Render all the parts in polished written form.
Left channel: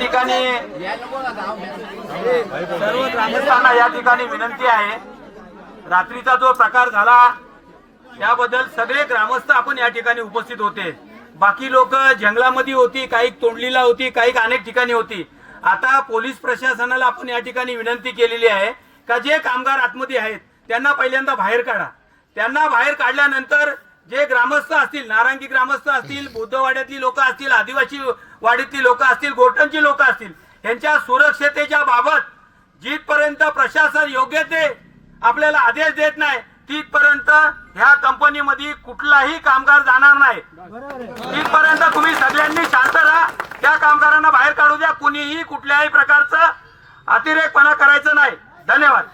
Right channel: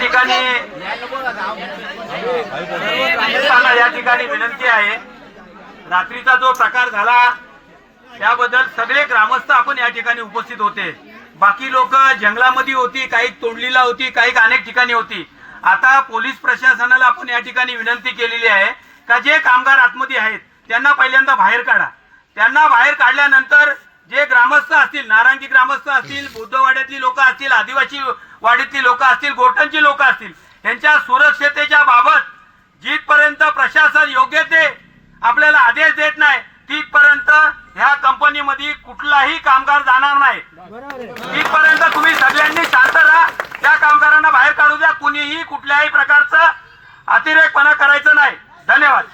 ठिकाणी सर्व ग्रामस्थांना या ठिकाणी विनंती आहे, रात्रीचा जो प्रकार झाला त्याबद्दल सगळे ग्रामस्थ आपण या ठिकाणी उपस्थित होते। बाकी लोक जंगलामध्ये होती, काही तोंडलीला होती, काही अनेक ठिकाणी होती। आता पोलीस प्रशासनाला आपण या ठिकाणी विनंती केलेली आहे का जे कामगार आतमध्ये आहेत त्यांना पहिल्यांदा बाहेर काढा। त्यांना बाहेर काढल्यानंतर जे ग्रामस्थ असतील, नारायणगी ग्रामस्थ असतील, बुद्धवाड्यातली लोक असतील, आदिवासी वाडीतली लोक असतील, गोठणची लोक असतील, यांच्या सुरक्षतेच्या बाबत जिथपर्यंत प्रशासन योग्य ते आपल्याला आदेश देत नाही तिथपर्यंत ह्या कंपनीमध्ये कुठलाही कामगार जाणार नाही। तिथपर्यंत तुम्ही सगळ्यांनी शांत राहा, त्या कामगारांना बाहेर काढू द्या। कुणीही कुठल्याही प्रकारचं अतिरेकपणा करायचं नाही। धन्यवाद।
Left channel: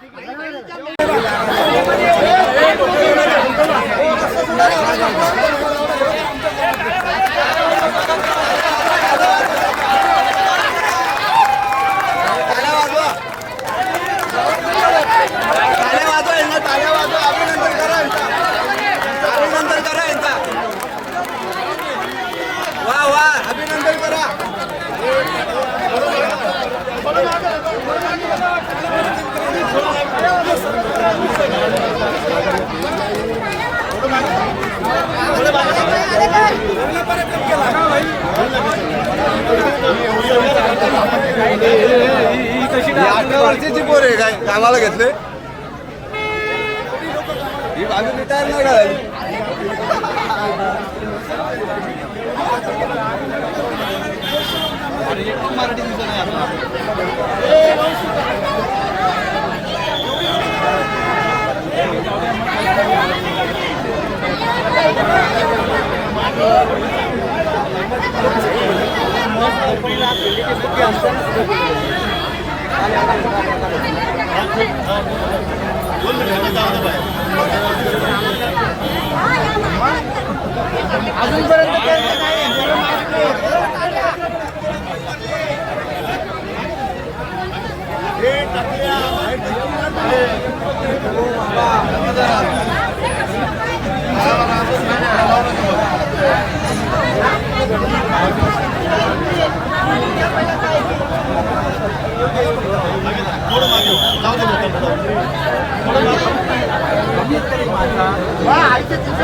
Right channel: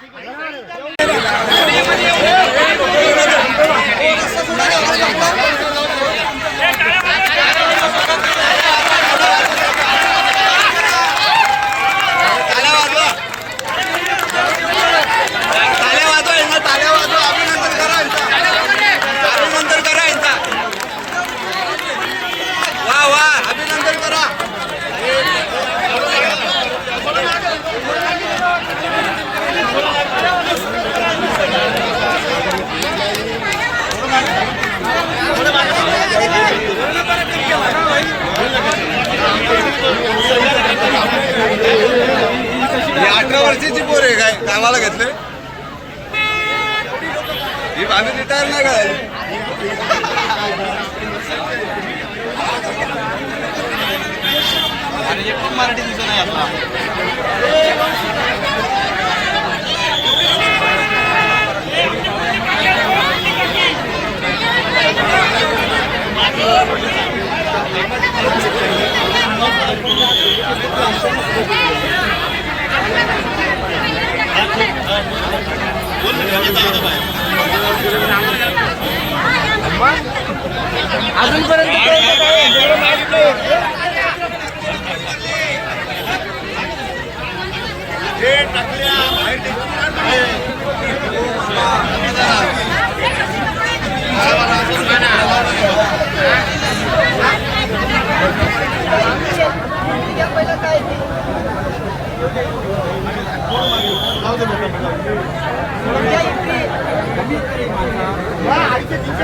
अभिनंदन करा यांचा, वाह वाह, अभिनंदन करा। अठरा वर्षाची पोर आहे, काय कामाला घेतले ही बाबी रिटायर नाही करायची। मराठी दिसत नाही आता।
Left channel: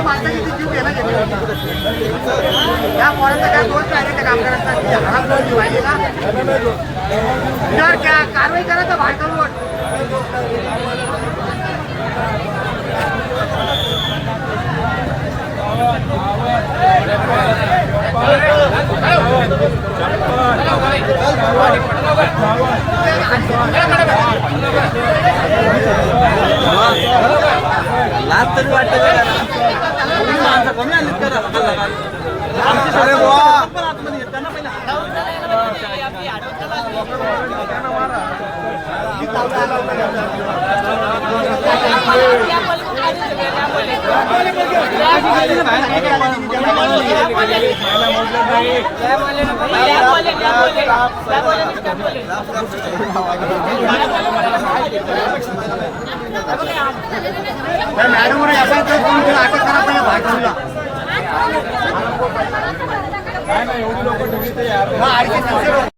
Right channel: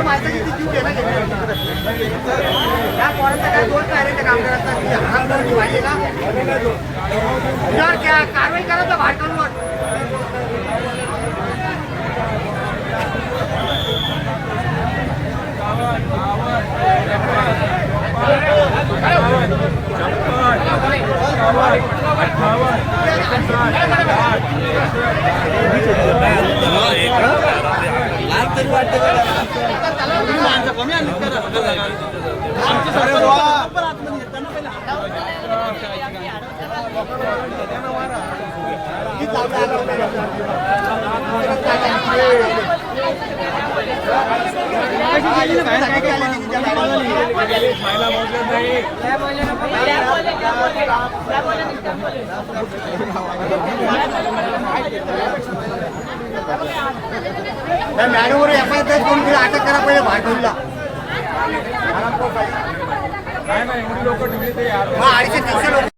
माणसाची जीव घेणं या पोरांचा काय दोष आहे त्या कामगारांचा हात पाहिजे ना, तर कारवाई करायचं बाहेर काढून। लाज तरी वाटते कमी आली मॅडमवर असा अटक करा पाहिजे भाटवला एवढी लोक